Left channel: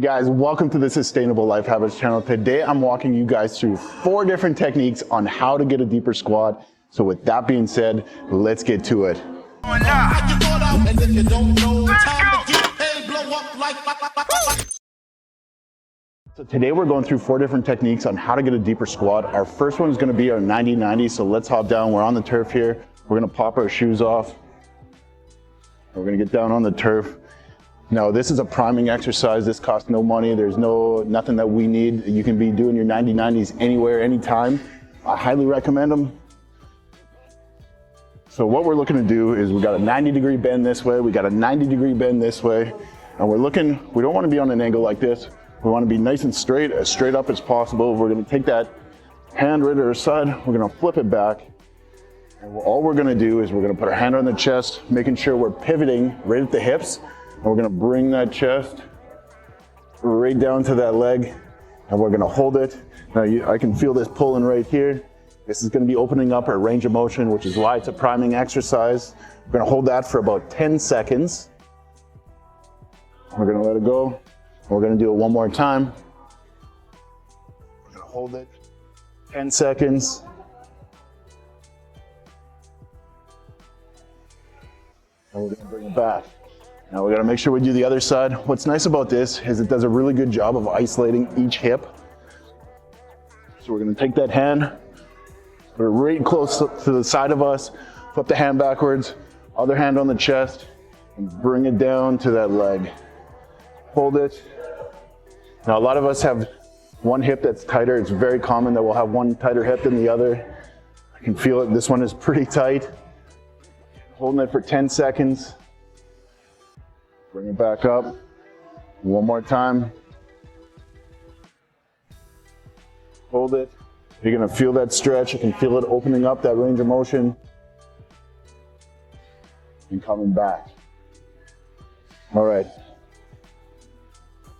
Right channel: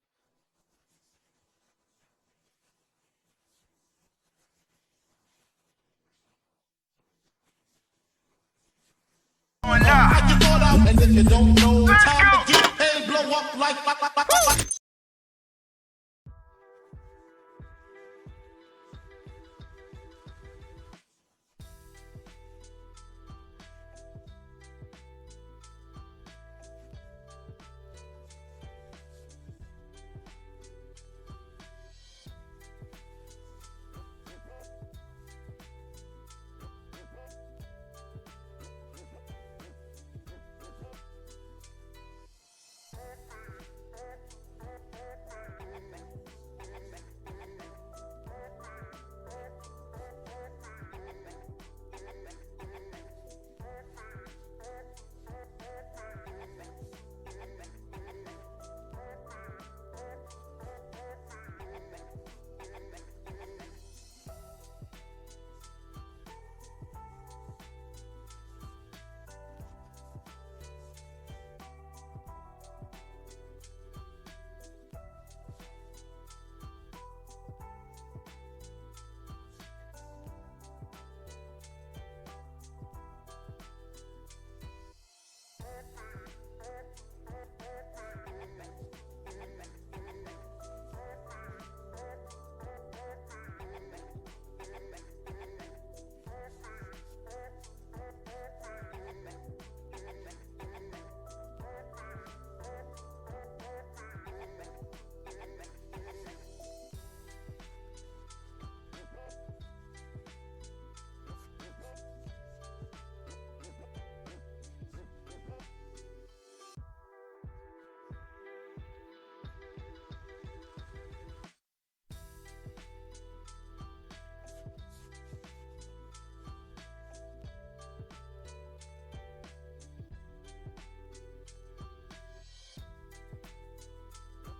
Hey guys, welcome to the Sustainable Life Habits channel. Today I'm walking you guys through 4 different techniques on how to get a deeper squat. So with that being said, let's get to it. So today we're going through 4 different techniques on how to get a deeper squat. Our first one is going to be our 90-90. So let's hop down. We're on the turf here. We're going to pop our shoes off. We're going to get down on the turf. Now this is a priming exercise. This costs no money. There's nothing that we need. You can be doing your 90-90s anywhere, anytime. I highly recommend them. So what we're looking to do is we got a 90-degree bend this way. We got a 90-degree bend this way. And we don't want to be on an angle like this. We want to be nice and straight, as straight up as possible. We're going to take that hand right at our side. We're going to flip it back. And all we're going to do is we're going to put our hand on the chest, making sure we're pivoting right at the hips. And we're going to bring that chest right down to that leg, and we're going to hold it. Now I can feel this pulling right here. This is going to be opening up our range of motion, which is why it's a priming exercise. We're going to hold that for about 10 seconds. We're going to let it go. We're going to do it one more time. We're going to hold it 10 seconds. And we're going to bring it back. Now we got to make sure we do the other side. What's nice about this is it does a really good job of isolating each hip. So we're going to take that hand, put it right close to the side of us, flip the hand backwards, other hand on the chest, and bring it down to that leg. Hold it. Now a lot of us have one hip that's tighter. It's very common that we'll have one tighter hip than the other. I can feel it. This one is pretty tight. Holding it for 10 seconds. Bring it back up. One more time. Hold it. You're going to feel that stretch. You can feel it opening up that range of motion. And coming back. All right.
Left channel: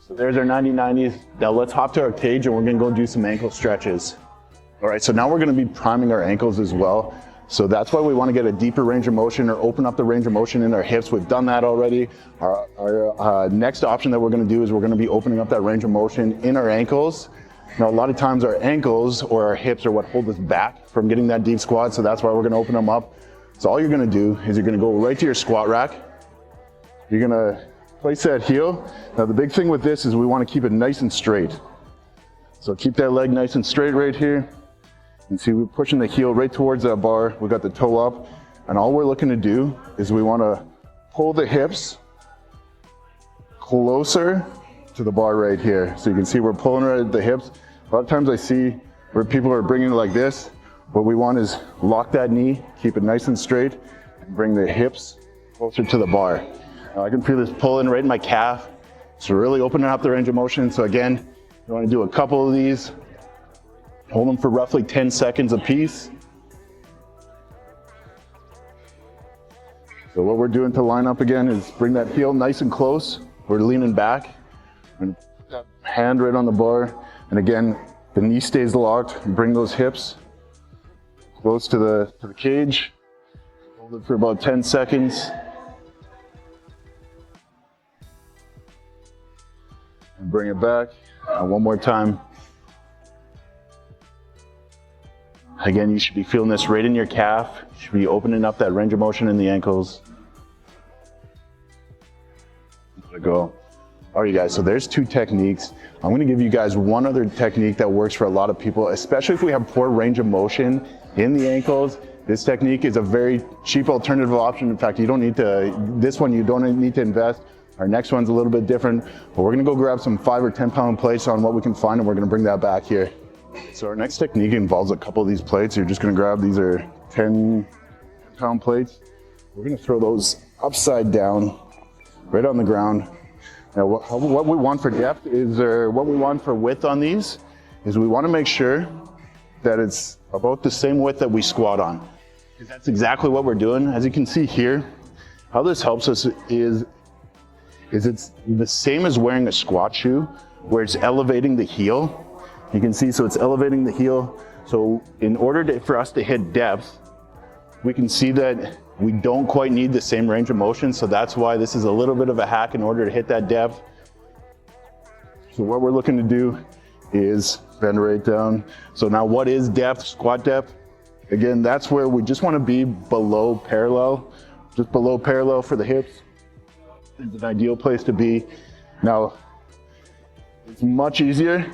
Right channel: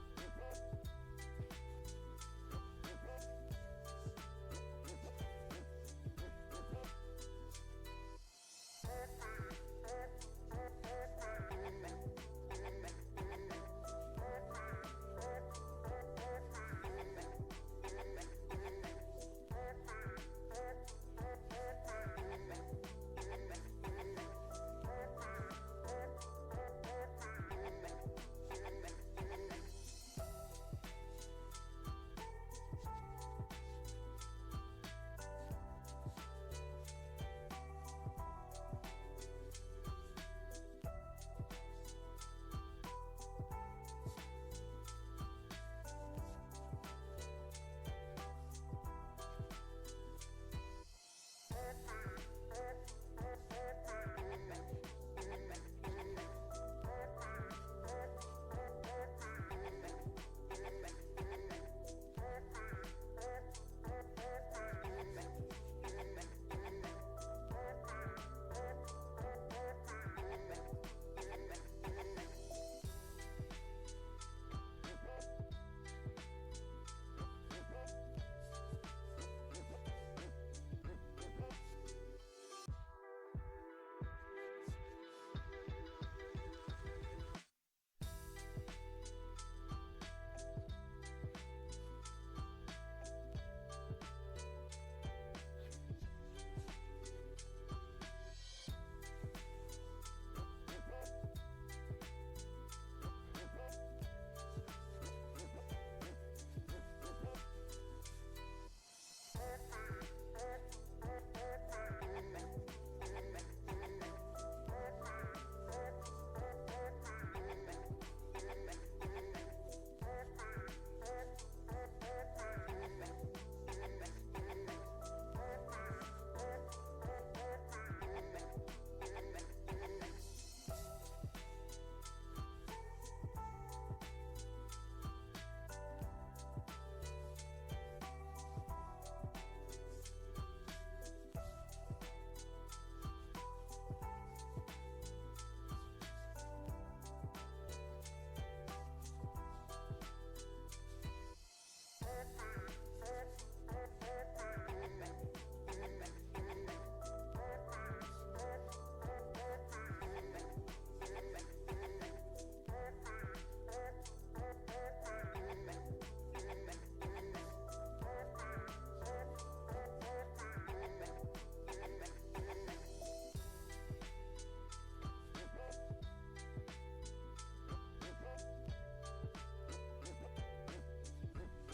So there's our 90-90s. Now let's hop to our cage and we're going to go do some ankle stretches. All right, so now we're going to be priming our ankles as well. So that's why we want to get a deeper range of motion or open up the range of motion in our hips. We've done that already. Our next option that we're going to do is we're going to be opening up that range of motion in our ankles. Now, a lot of times our ankles or our hips are what hold us back from getting that deep squat. So that's why we're going to open them up. So all you're going to do is you're going to go right to your squat rack. You're going to place that heel. Now, the big thing with this is we want to keep it nice and straight. So keep that leg nice and straight right here. And see, we're pushing the heel right towards that bar. We got the toe up. And all we're looking to do is we want to pull the hips closer to the bar right here. So you can see we're pulling right at the hips. A lot of times I see where people are bringing it like this. What we want is lock that knee, keep it nice and straight, and bring the hips closer to the bar. Now I can feel this pulling right in my calf. So really opening up the range of motion. So again, you want to do a couple of these. Hold them for roughly 10 seconds apiece. So what we're doing to line up again is bring that heel nice and close. We're leaning back. And hand right on the bar. And again, the knee stays locked. Bring those hips close to the cage. Hold it for about 10 seconds. And bring it back. And one more time. Again, you should be feeling this right in your calf. You should be opening up that range of motion in the ankles. Let it go. All right, you guys, so there's 2 techniques. I'm gonna give you guys one other technique that works for a lot of people, especially if we have poor range of motion in the ankles. This technique is a very cheap alternative option. In fact, you don't need to invest. Our next one's a little bit different, but we're gonna go grab some 5 or 10 pound plates on what we can find, and we're gonna bring that back here. So our next technique involves a couple of these plates. You're just gonna grab, these are 10 pound plates. We're gonna throw those upside down, right on the ground. Now what we want for depth is, or what we want for width on these, is we wanna make sure that it's about the same width that we squat on. Because that's exactly what we're doing. As you can see here, how this helps us is it's the same as wearing a squat shoe, where it's elevating the heel. You can see, so it's elevating the heel. So in order for us to hit depth, we can see that we don't quite need the same range of motion. So that's why this is a little bit of a hack in order to hit that depth. So what we're looking to do is bend right down. So now what is depth, squat depth? Again, that's where we just want to be below parallel, just below parallel for the hips. It's an ideal place to be. Now, it's much easier.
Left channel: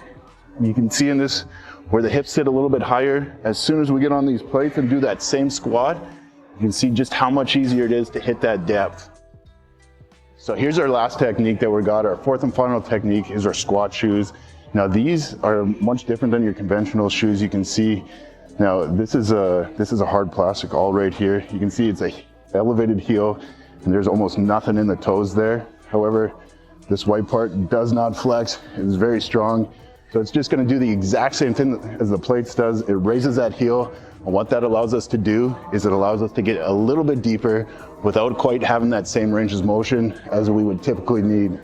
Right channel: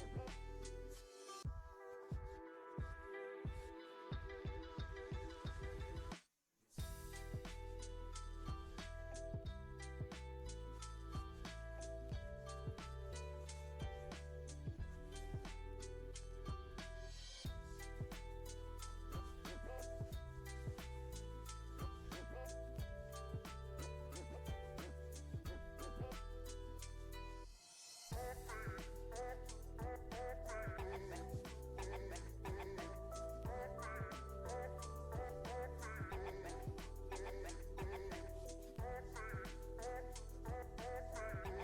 You can see in this where the hips sit a little bit higher. As soon as we get on these plates and do that same squat, you can see just how much easier it is to hit that depth. So here's our last technique that we got. Our fourth and final technique is our squat shoes. Now these are much different than your conventional shoes. You can see now this is a hard plastic all right here. You can see it's a elevated heel and there's almost nothing in the toes there. However, this white part does not flex. It's very strong. So it's just going to do the exact same thing as the plates does. It raises that heel. And what that allows us to do is it allows us to get a little bit deeper without quite having that same range of motion as we would typically need.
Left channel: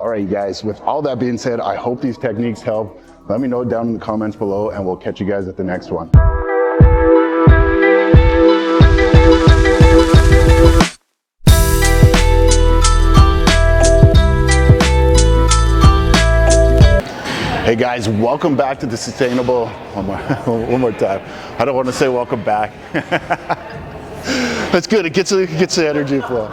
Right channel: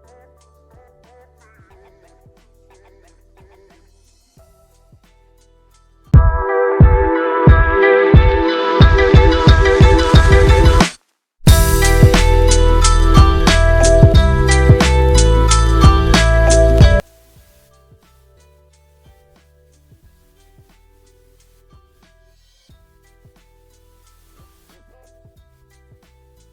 All right, you guys, with all that being said, I hope these techniques help. Let me know down in the comments below and we'll catch you guys at the next one. Hey guys, welcome back to the Sustainable, one more time. I don't want to say welcome back. That's good, it gets the energy flow.